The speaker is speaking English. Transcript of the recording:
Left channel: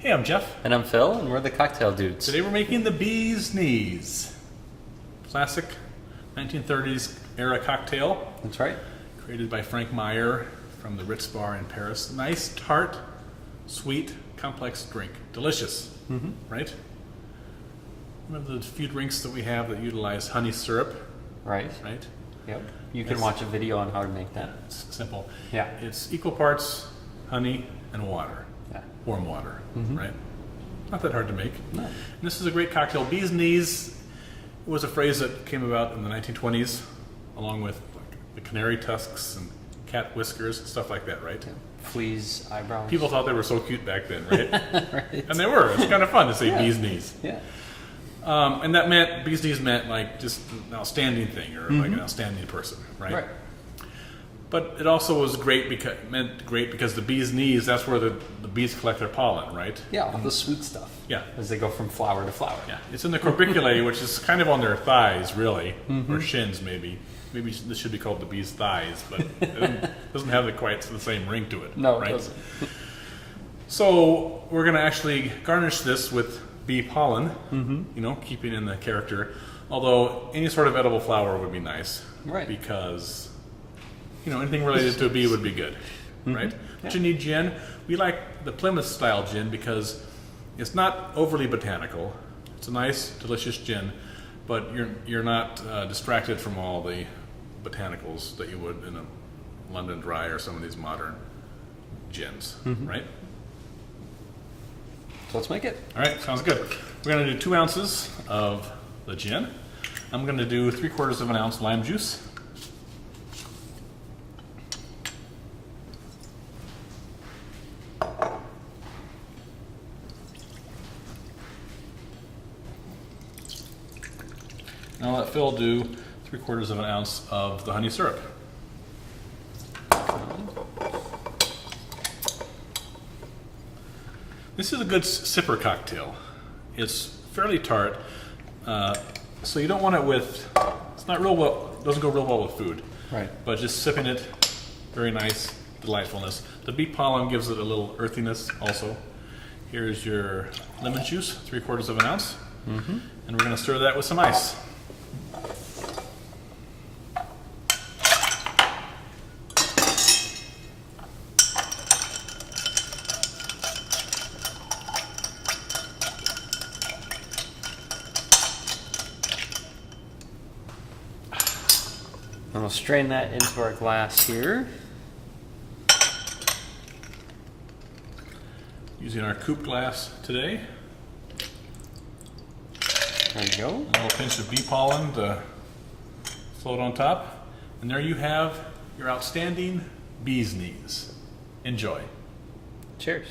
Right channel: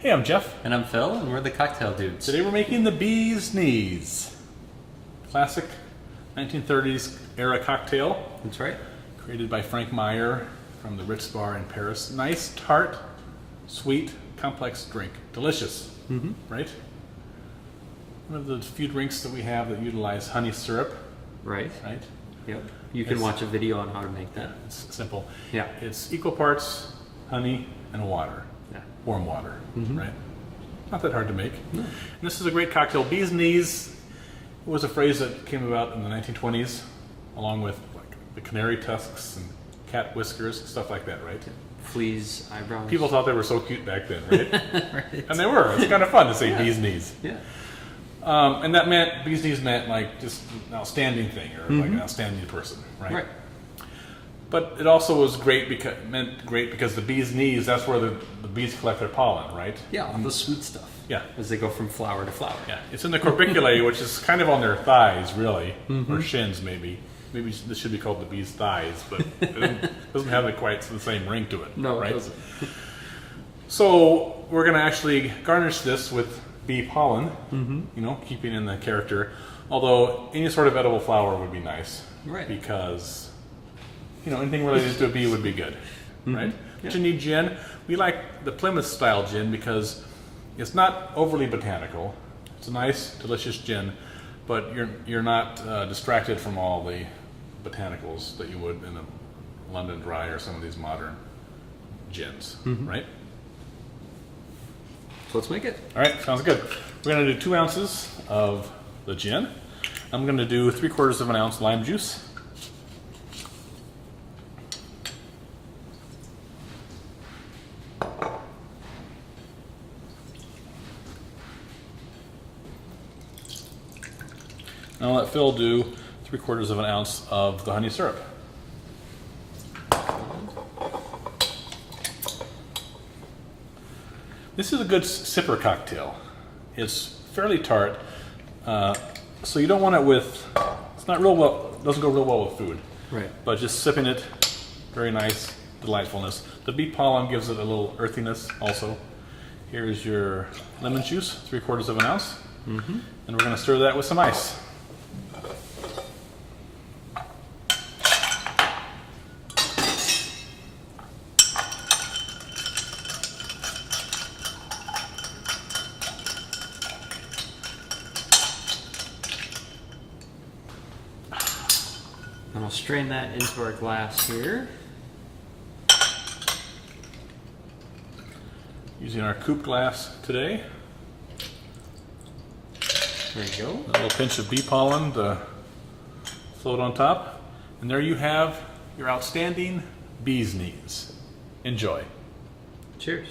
Hey, I'm Jeff. And I'm Phil, and we're the Cocktail Dudes. Today we're making the bee's knees. Classic 1930s era cocktail. That's right. Created by Frank Meier from the Ritz Bar in Paris. Nice, tart, sweet, complex drink. Delicious, right? One of the few drinks that we have that utilize honey syrup, Right. right? Yep. You can watch a video on how to make that. It's simple. Yeah. It's equal parts honey and water. Yeah. Warm water, right? Not that hard to make. No. And this is a great cocktail. Bee's knees was a phrase that came about in the 1920s, along with like, the canary tusks and cat whiskers, stuff like that, right? Fleas, eyebrows. People thought they were so cute back then, right? Right. And they were. It's kind of fun to say bee's knees. Yeah. And that meant, bee's knees meant like just an outstanding thing, or like an outstanding person, right? Right. But it also was great because the bee's knees, that's where the bees collect their pollen, right? Yeah, all the sweet stuff. Yeah. As they go from flower to flower. Yeah, it's in the corbiculae, which is kind of on their thighs, really, or shins, maybe. Maybe this should be called the bee's thighs, but it doesn't have quite the same ring to it. No, right? it doesn't. So we're going to actually garnish this with bee pollen, you know, keeping in the character. Although any sort of edible flower would be nice, Right. because you know anything related to a bee would be good, right? But you need gin. We like the Plymouth style gin because it's not overly botanical. It's a nice, delicious gin, but you're not distracted from all the botanicals that you would in a London Dry or some of these modern gins, right? So let's make it. All right, sounds good. We're going to do 2 ounces of the gin. I'm going to do 3/4 of an ounce lime juice. Now let Phil do 3/4 of an ounce of the honey syrup. This is a good sipper cocktail. It's fairly tart, so you don't want it with. It's not real well. Doesn't go real well with food. Right. But just sipping it, very nice delightfulness. The bee pollen gives it a little earthiness also. Here's your lemon juice, 3/4 of an ounce, and we're going to stir that with some ice. And I'll strain that into our glass here. Using our coupe glass today. There you go. A little pinch of bee pollen to float on top. And there you have your outstanding bee's knees. Enjoy. Cheers.